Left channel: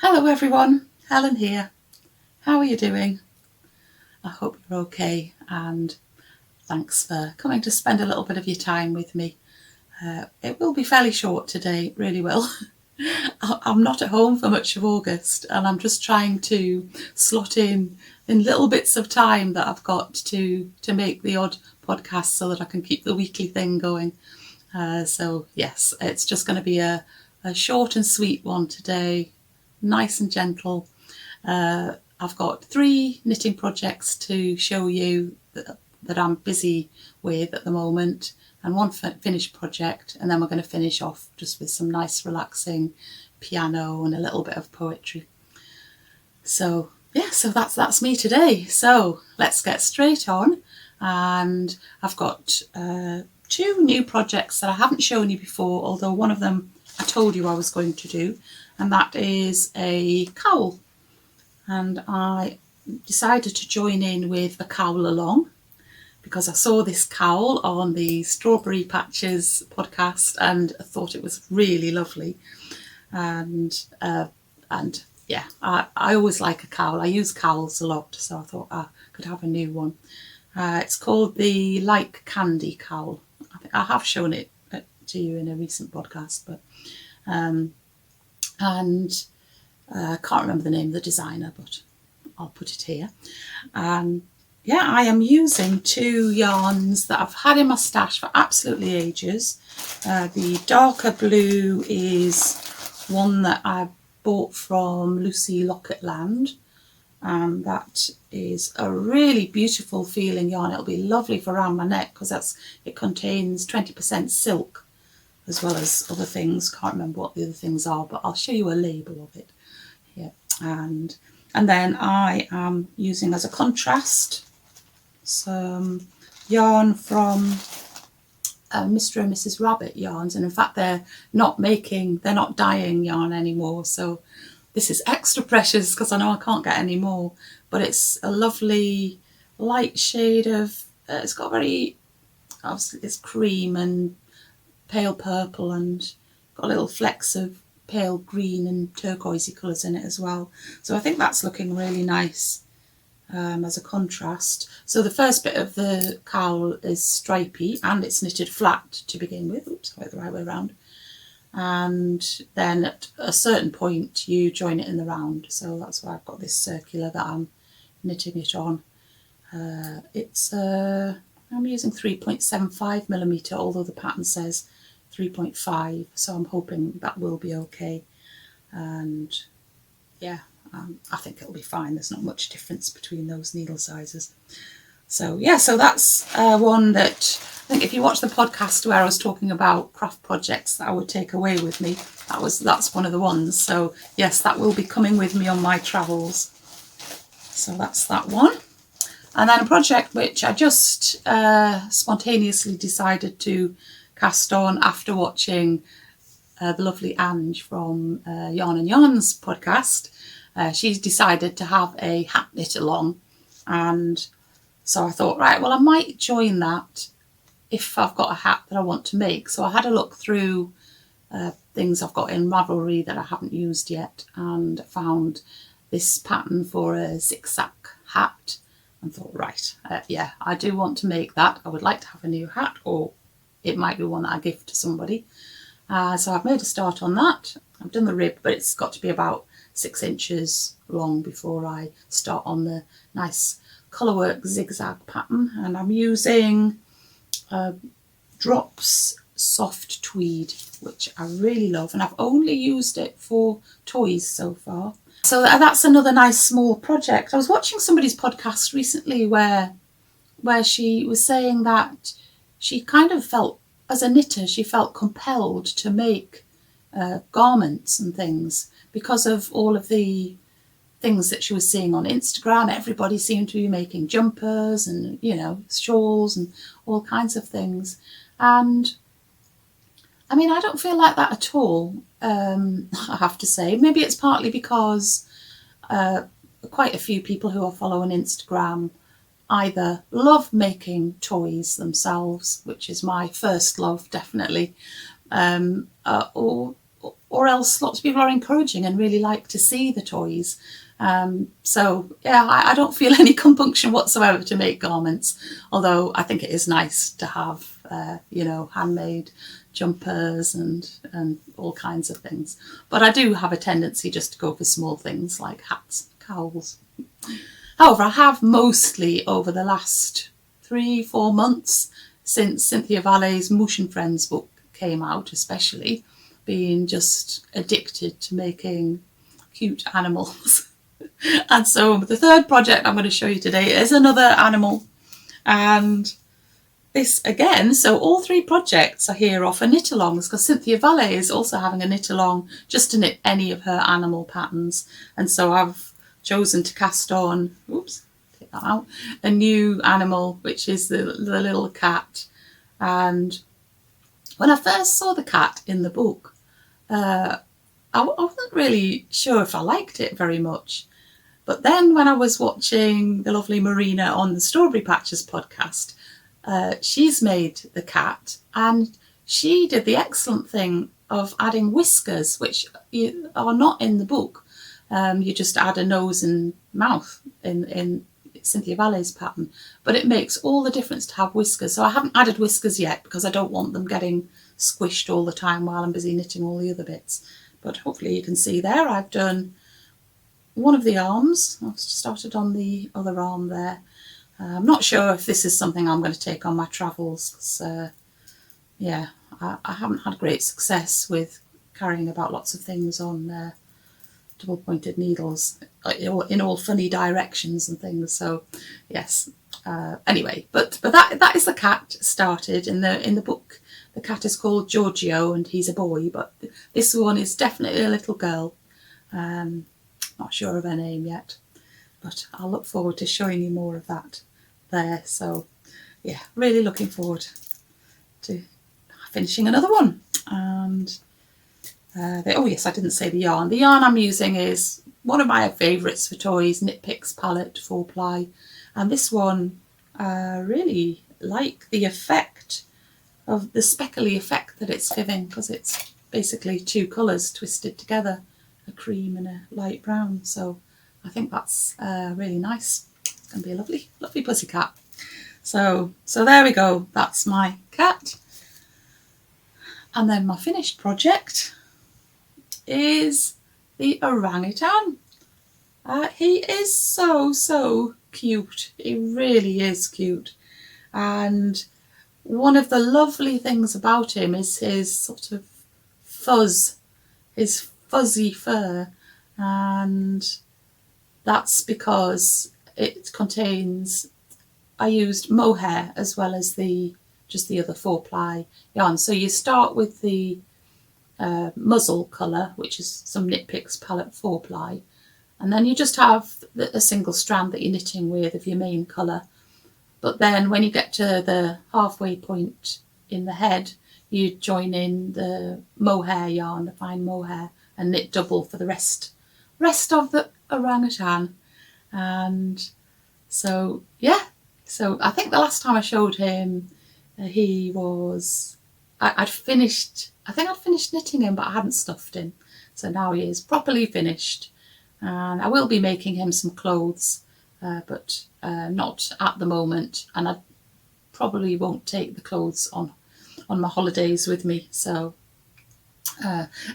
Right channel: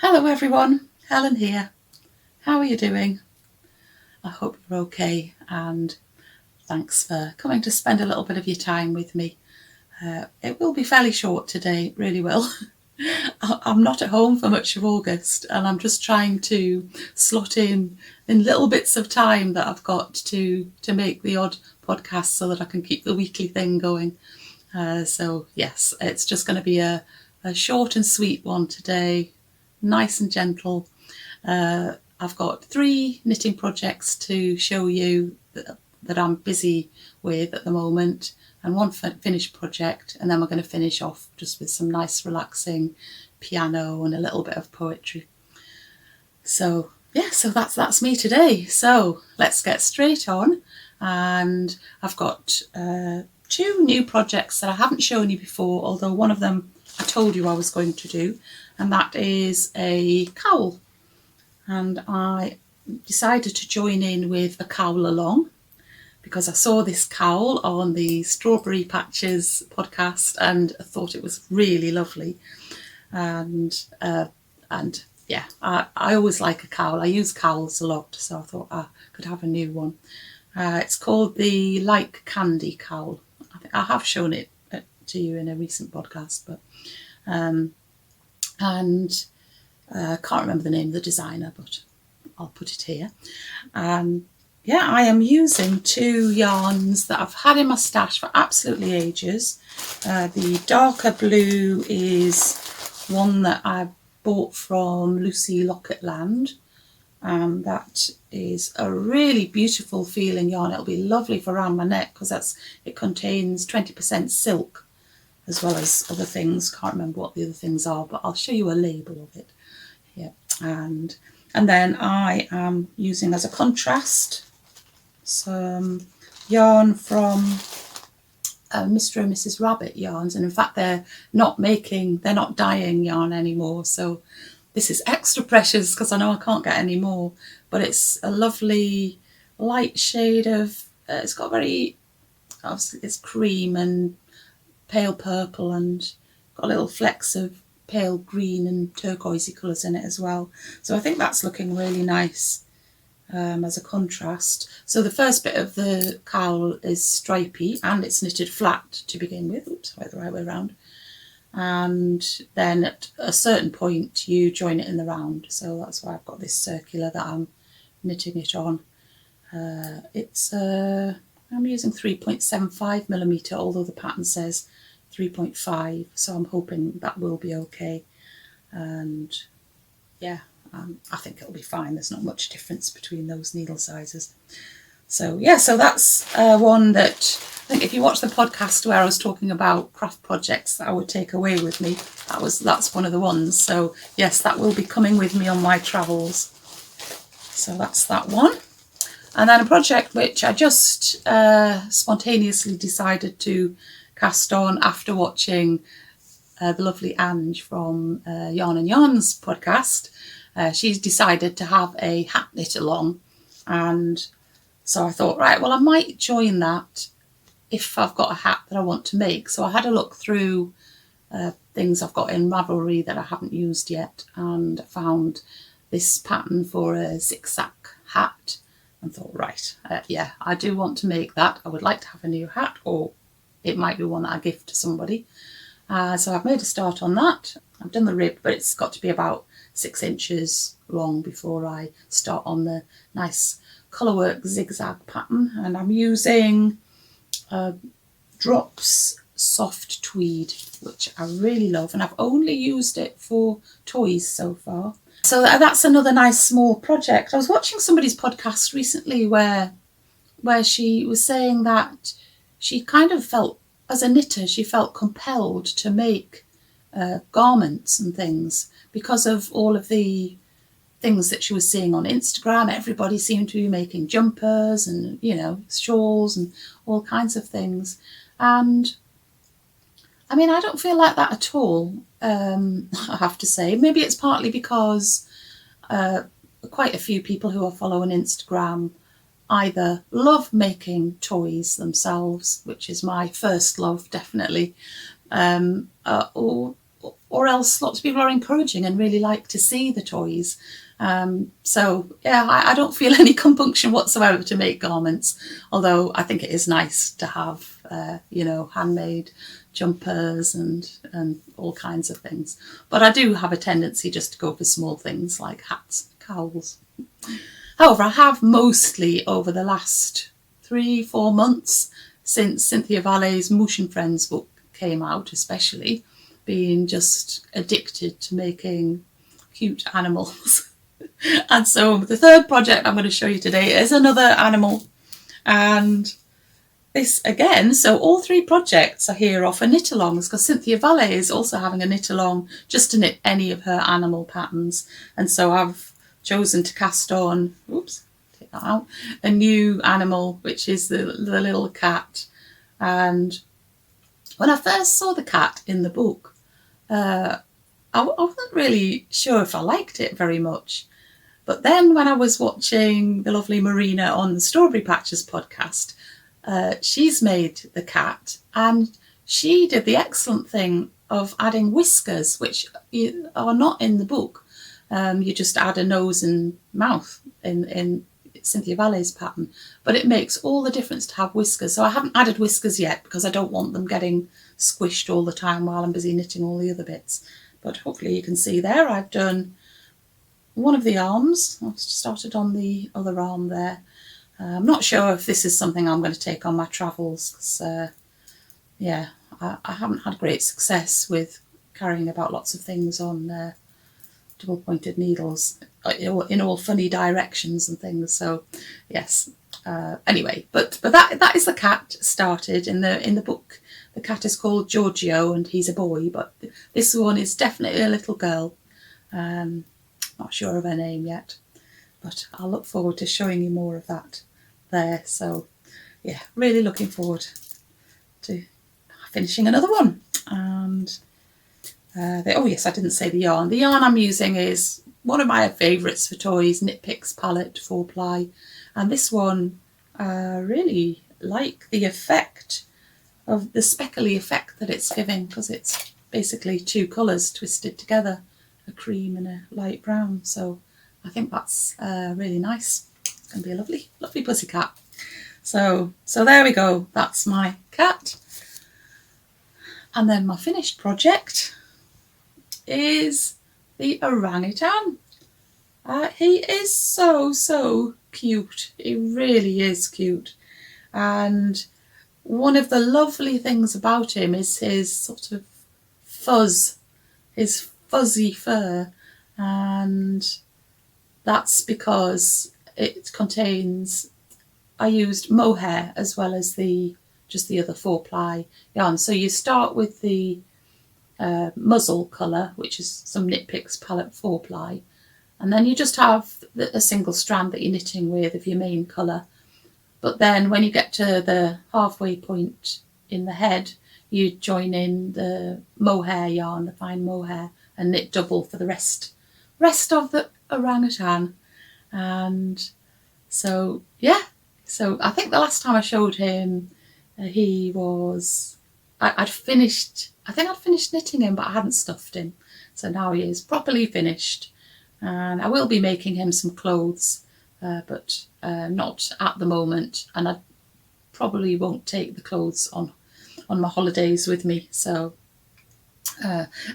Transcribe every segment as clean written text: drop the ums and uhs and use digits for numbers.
Hello everyone, Helen here. How are you doing? I hope you're okay, and thanks for coming to spend a little bit of your time with me. It will be fairly short today, it really will. I'm not at home for much of August, and I'm just trying to slot in little bits of time that I've got to make the odd podcast so that I can keep the weekly thing going. So yes, it's just going to be a short and sweet one today. Nice and gentle. I've got 3 knitting projects to show you that I'm busy with at the moment, and 1 finished project, and then we're going to finish off just with some nice relaxing piano and a little bit of poetry. So yeah, so that's me today. So let's get straight on, and I've got 2 new projects that I haven't shown you before, although one of them I told you I was going to do, and that is a cowl. And I decided to join in with a cowl along because I saw this cowl on the Strawberry Patches podcast and I thought it was really lovely. And yeah, I always like a cowl. I use cowls a lot, so I thought I could have a new one. It's called the Like Candy cowl. I think I have shown it to you in a recent podcast, but I can't remember the name of the designer, but I'll put it here. Yeah, I am using 2 yarns that I've had in my stash for absolutely ages. The darker blue is one that I bought from Lucy Locketland, and that is a really beautiful feeling yarn. It'll be lovely for around my neck because it contains 20% silk as well as other things. Can't remember what the other things are, but I'll show you a label of it. Yeah, and then I am using as a contrast some yarn from Mr. and Mrs. Rabbit yarns, and in fact they're not dyeing yarn anymore, so this is extra precious because I know I can't get any more, but it's a lovely light shade of it's got obviously it's cream and pale purple and got little flecks of pale green and turquoisey colours in it as well. So I think that's looking really nice as a contrast. So the first bit of the cowl is stripy and it's knitted flat to begin with. Oops, I went the right way around. And then at a certain point you join it in the round. So that's why I've got this circular that I'm knitting it on. I'm using 3.75mm, although the pattern says 3.5, so I'm hoping that will be okay. And yeah, I think it'll be fine. There's not much difference between those needle sizes. So yeah, so that's one that I think if you watch the podcast where I was talking about craft projects that I would take away with me, that's one of the ones. So yes, that will be coming with me on my travels. So that's that one. And then a project which I just spontaneously decided to cast on after watching the lovely Ange from Yarn and Yarns podcast. She's decided to have a hat knit along, and so I thought, right, well I might join that if I've got a hat that I want to make. So I had a look through things I've got in Ravelry that I haven't used yet, and found this pattern for a zigzag hat and thought, right, yeah, I do want to make that. I would like to have a new hat, or it might be one that I gift to somebody. So I've made a start on that. I've done the rib, but it's got to be about 6 inches long before I start on the nice colourwork zigzag pattern. And I'm using Drops Soft Tweed, which I really love, and I've only used it for toys so far. So that's another nice small project. I was watching somebody's podcast recently where she was saying that she kind of felt, as a knitter, she felt compelled to make garments and things because of all of the things that she was seeing on Instagram. Everybody seemed to be making jumpers and, shawls and all kinds of things. And I mean, I don't feel like that at all, I have to say. Maybe it's partly because quite a few people who I follow on Instagram either love making toys themselves, which is my first love, definitely, or or else lots of people are encouraging and really like to see the toys. So yeah, I don't feel any compunction whatsoever to make garments, although I think it is nice to have, handmade jumpers and all kinds of things. But I do have a tendency just to go for small things like hats, cowls. However, I have mostly over the last 3-4 months, since Cinthia Vallet's Mouche and Friends book came out, especially, been just addicted to making cute animals. And so the third project I'm going to show you today is another animal. And this again, so all 3 projects are here are for knit-alongs, because Cinthia Vallet is also having a knit-along just to knit any of her animal patterns. And so I've chosen to cast on, take that out, a new animal, which is the little cat. And when I first saw the cat in the book, I wasn't really sure if I liked it very much. But then when I was watching the lovely Marina on the Strawberry Patches podcast, she's made the cat, and she did the excellent thing of adding whiskers, which are not in the book. You just add a nose and mouth in Cinthia Vallet's pattern, but it makes all the difference to have whiskers. So I haven't added whiskers yet because I don't want them getting squished all the time while I'm busy knitting all the other bits. But hopefully you can see there I've done one of the arms. I've started on the other arm there. I'm not sure if this is something I'm going to take on my travels, because I haven't had great success with carrying about lots of things on double pointed needles in all funny directions and things. So yes, anyway, but that is the cat started in the book. The cat is called Giorgio and he's a boy, but this one is definitely a little girl. Not sure of her name yet, but I'll look forward to showing you more of that there. So yeah, really looking forward to finishing another one. And oh yes, I didn't say the yarn. The yarn I'm using is one of my favourites for toys, Knit Picks Palette 4-ply. And this one, really like the effect of the speckly effect that it's giving, because it's basically 2 colours twisted together, a cream and a light brown. So I think that's really nice. It's going to be a lovely, lovely pussycat. So there we go. That's my cat. And then my finished project is the orangutan. He is so cute. He really is cute. And one of the lovely things about him is his sort of fuzz, his fuzzy fur. And that's because it contains, I used mohair as well as just the other 4-ply yarn. So you start with the muzzle colour, which is some Knit Picks Palette 4-ply, and then you just have a single strand that you're knitting with of your main colour. But then when you get to the halfway point in the head, you join in the mohair yarn, the fine mohair, and knit double for the rest of the orangutan. And so yeah, so I think the last time I showed him, he was, I'd finished knitting him, but I hadn't stuffed him. So now he is properly finished, and I will be making him some clothes, but not at the moment. And I probably won't take the clothes on my holidays with me. So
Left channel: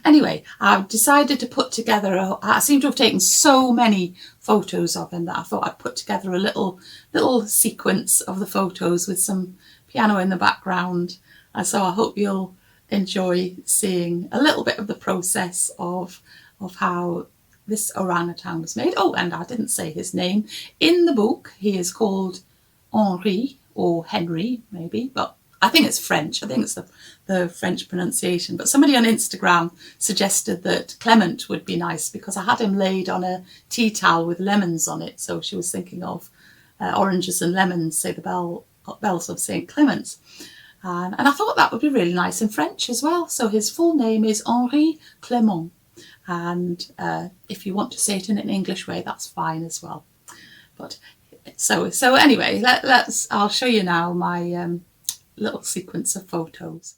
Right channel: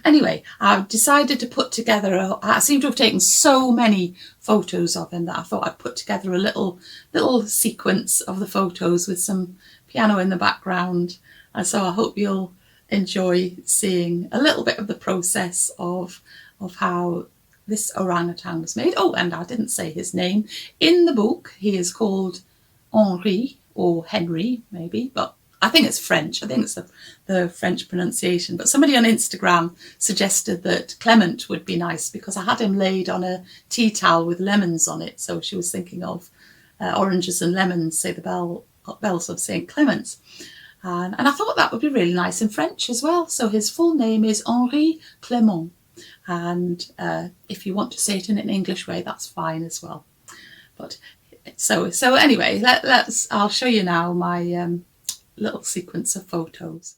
anyway, I've decided to put together, I seem to have taken so many photos of him that I thought I'd put together a little sequence of the photos with some piano in the background. And so I hope you'll enjoy seeing a little bit of the process of how this orangutan was made. Oh, and I didn't say his name. In the book, he is called Henri, or Henry maybe, but I think it's French. I think it's the French pronunciation. But somebody on Instagram suggested that Clement would be nice, because I had him laid on a tea towel with lemons on it. So she was thinking of oranges and lemons, say the bells of St. Clement's. And I thought that would be really nice in French as well. So his full name is Henri Clement. And if you want to say it in an English way, that's fine as well. But so anyway, I'll show you now my little sequence of photos.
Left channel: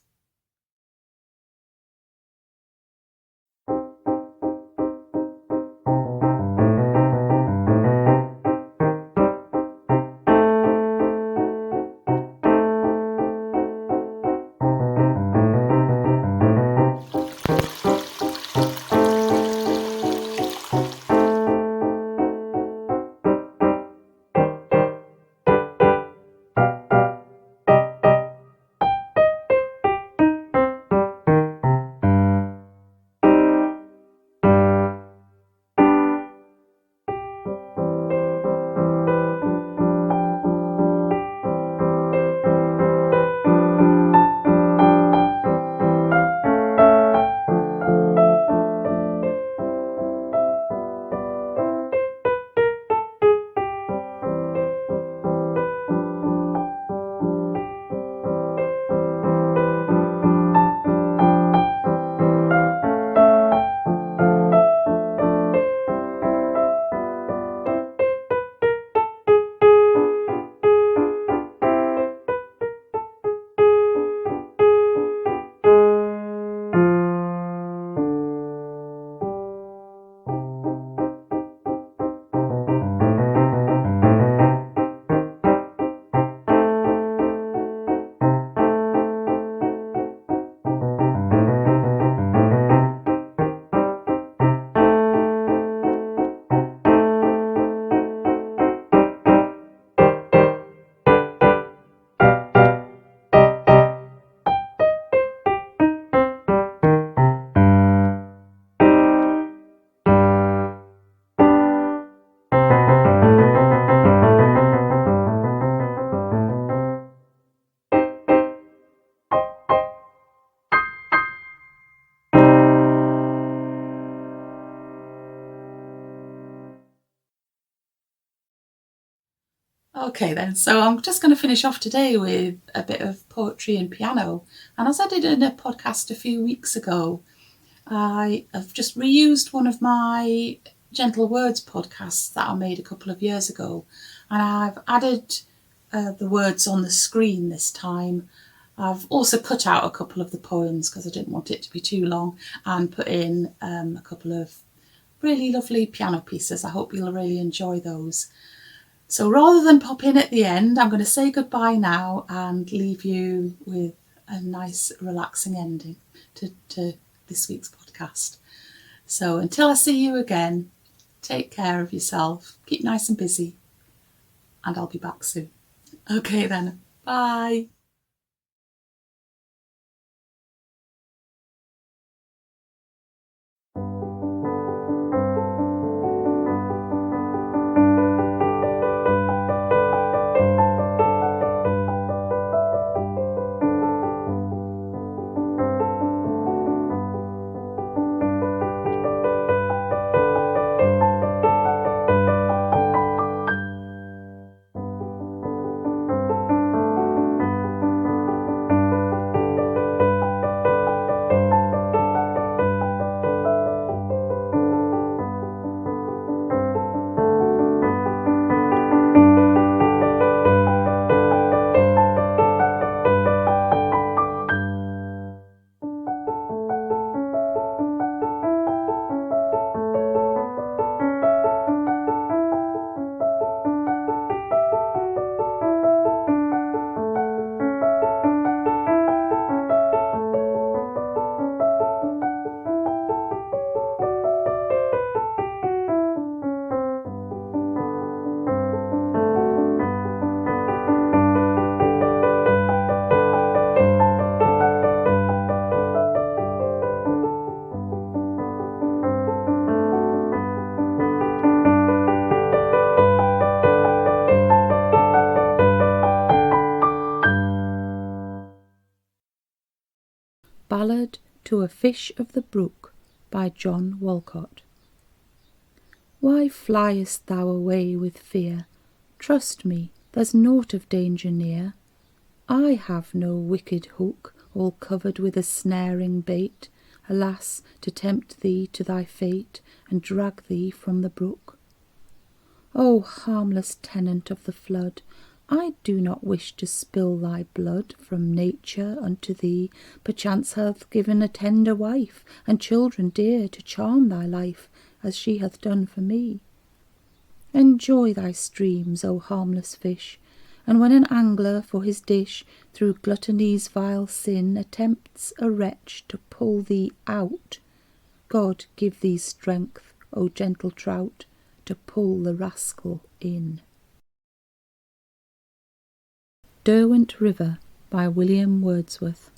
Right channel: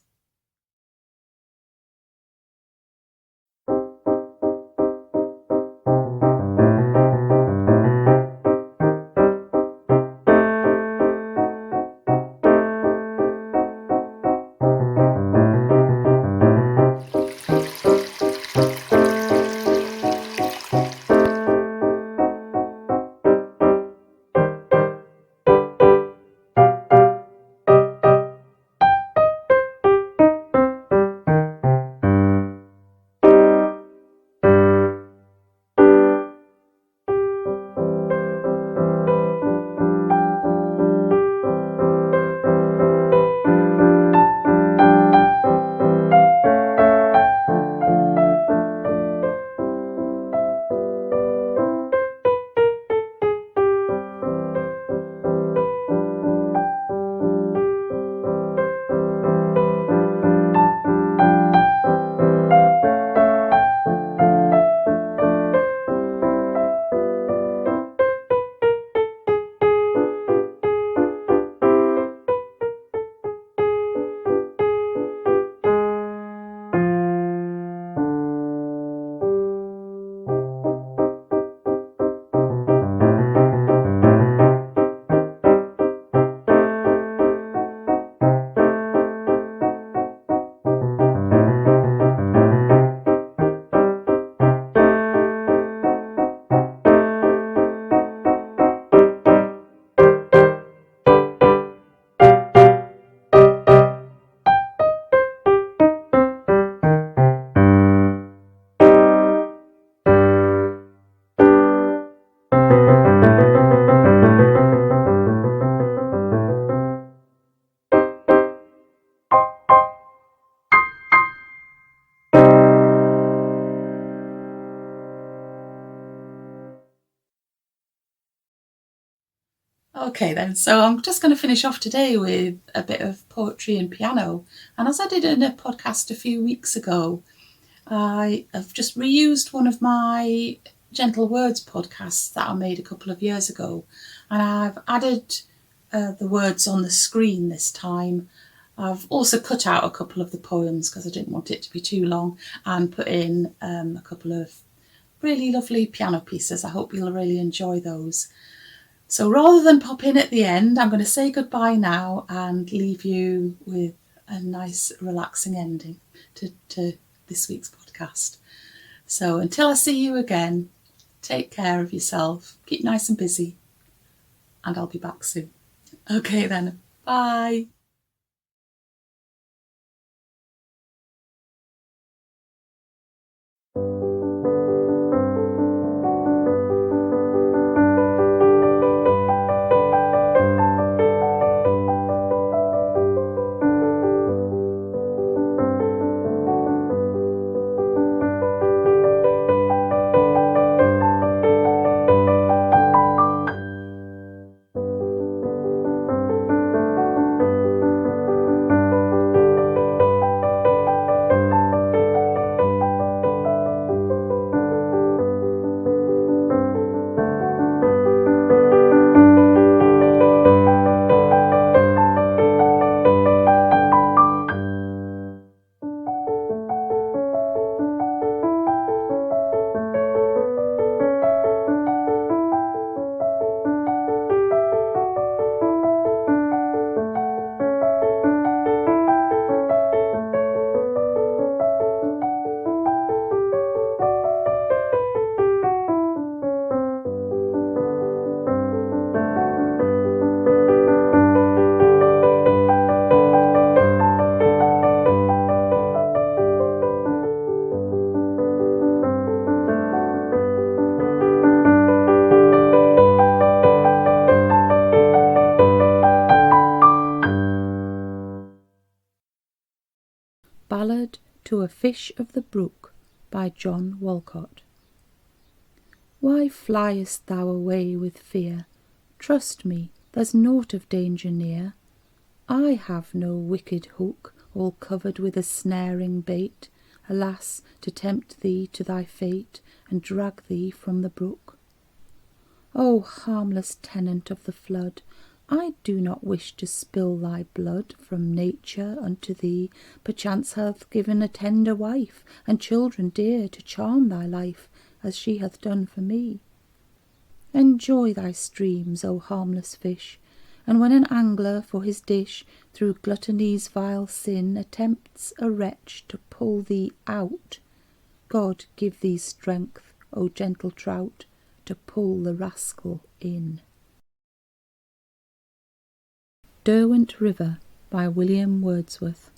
Okay then, so I'm just going to finish off today with a bit of poetry and piano. And as I did in a podcast a few weeks ago, I have just reused one of my Gentle Words podcasts that I made a couple of years ago. And I've added the words on the screen this time. I've also cut out a couple of the poems because I didn't want it to be too long, and put in a couple of really lovely piano pieces. I hope you'll really enjoy those. So rather than pop in at the end, I'm going to say goodbye now and leave you with a nice relaxing ending to this week's podcast. So until I see you again, take care of yourself, keep nice and busy, and I'll be back soon. Okay then, bye. Ballad to a Fish of the Brook by John Walcott. Why fliest thou away with fear? Trust me, there's naught of danger near. I have no wicked hook, all covered with a snaring bait, alas, to tempt thee to thy fate, and drag thee from the brook. O harmless tenant of the flood, I do not wish to spill thy blood. From nature unto thee perchance hath given a tender wife, and children dear to charm thy life, as she hath done for me. Enjoy thy streams, O harmless fish, and when an angler for his dish through gluttony's vile sin attempts a wretch to pull thee out, God give thee strength, O gentle trout, to pull the rascal in. Derwent River by William Wordsworth.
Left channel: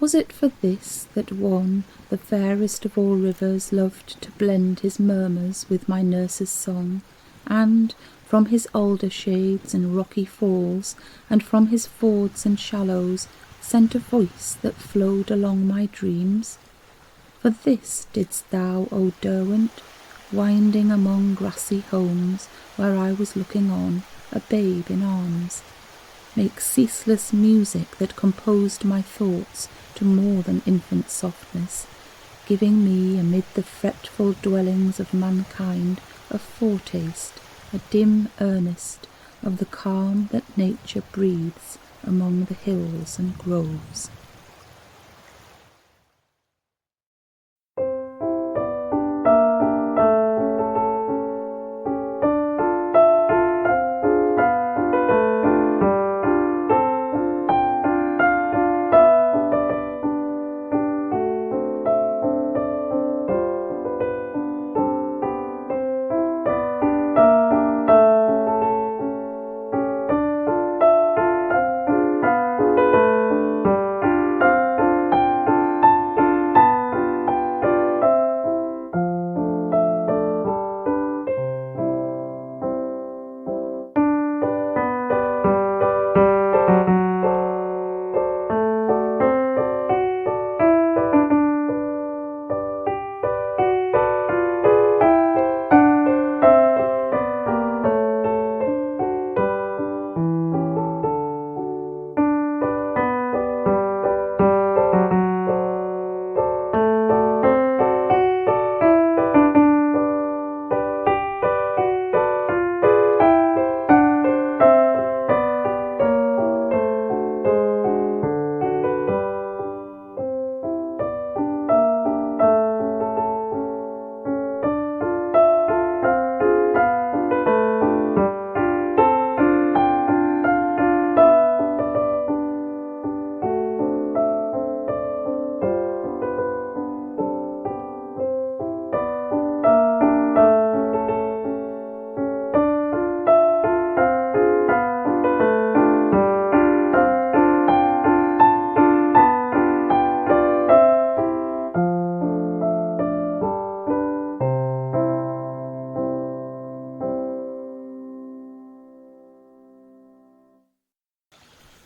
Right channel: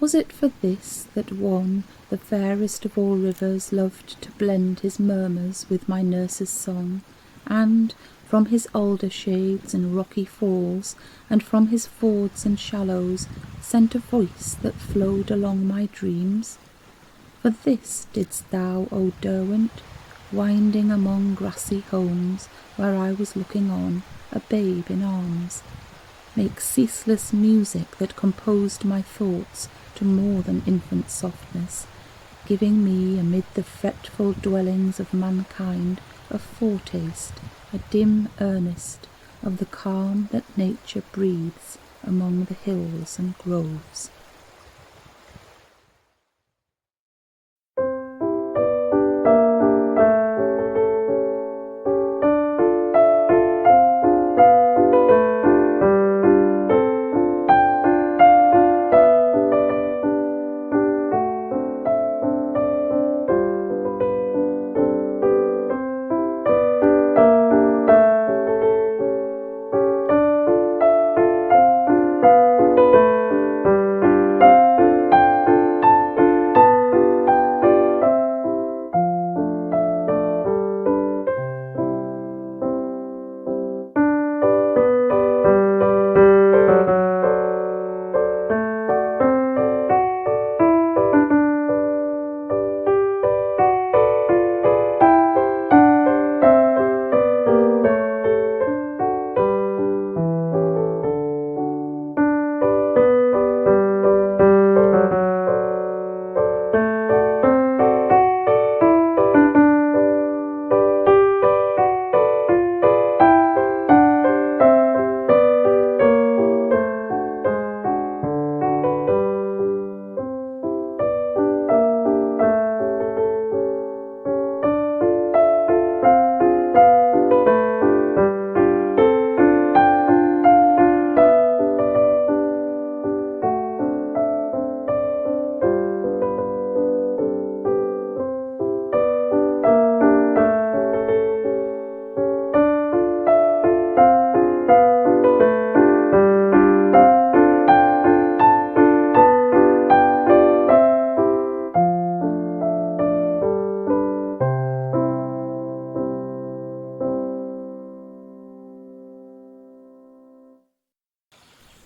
Was it for this that one, the fairest of all rivers, loved to blend his murmurs with my nurse's song, and from his alder shades and rocky falls, and from his fords and shallows, sent a voice that flowed along my dreams? For this didst thou, O Derwent, winding among grassy homes, where I was looking on, a babe in arms, make ceaseless music that composed my thoughts to more than infant softness, giving me amid the fretful dwellings of mankind a foretaste, a dim earnest, of the calm that nature breathes among the hills and groves.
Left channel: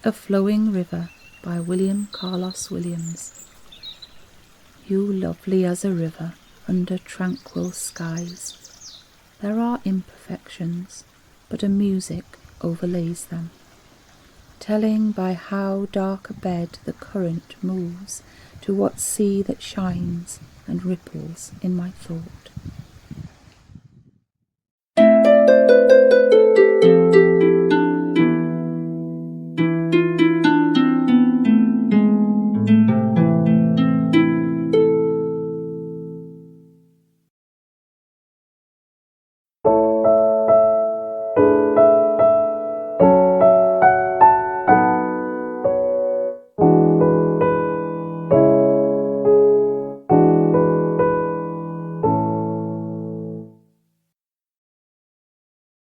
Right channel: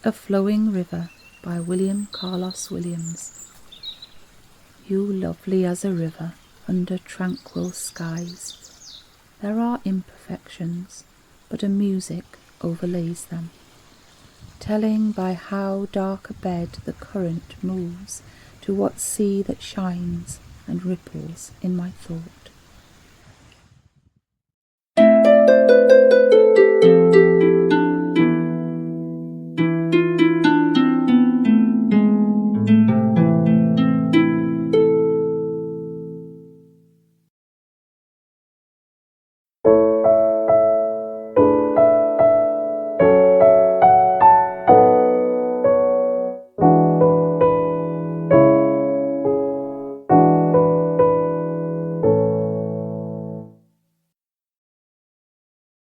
A Flowing River by William Carlos Williams. You lovely as a river under tranquil skies. There are imperfections, but a music overlays them, telling by how dark a bed the current moves to what sea that shines and ripples in my thought.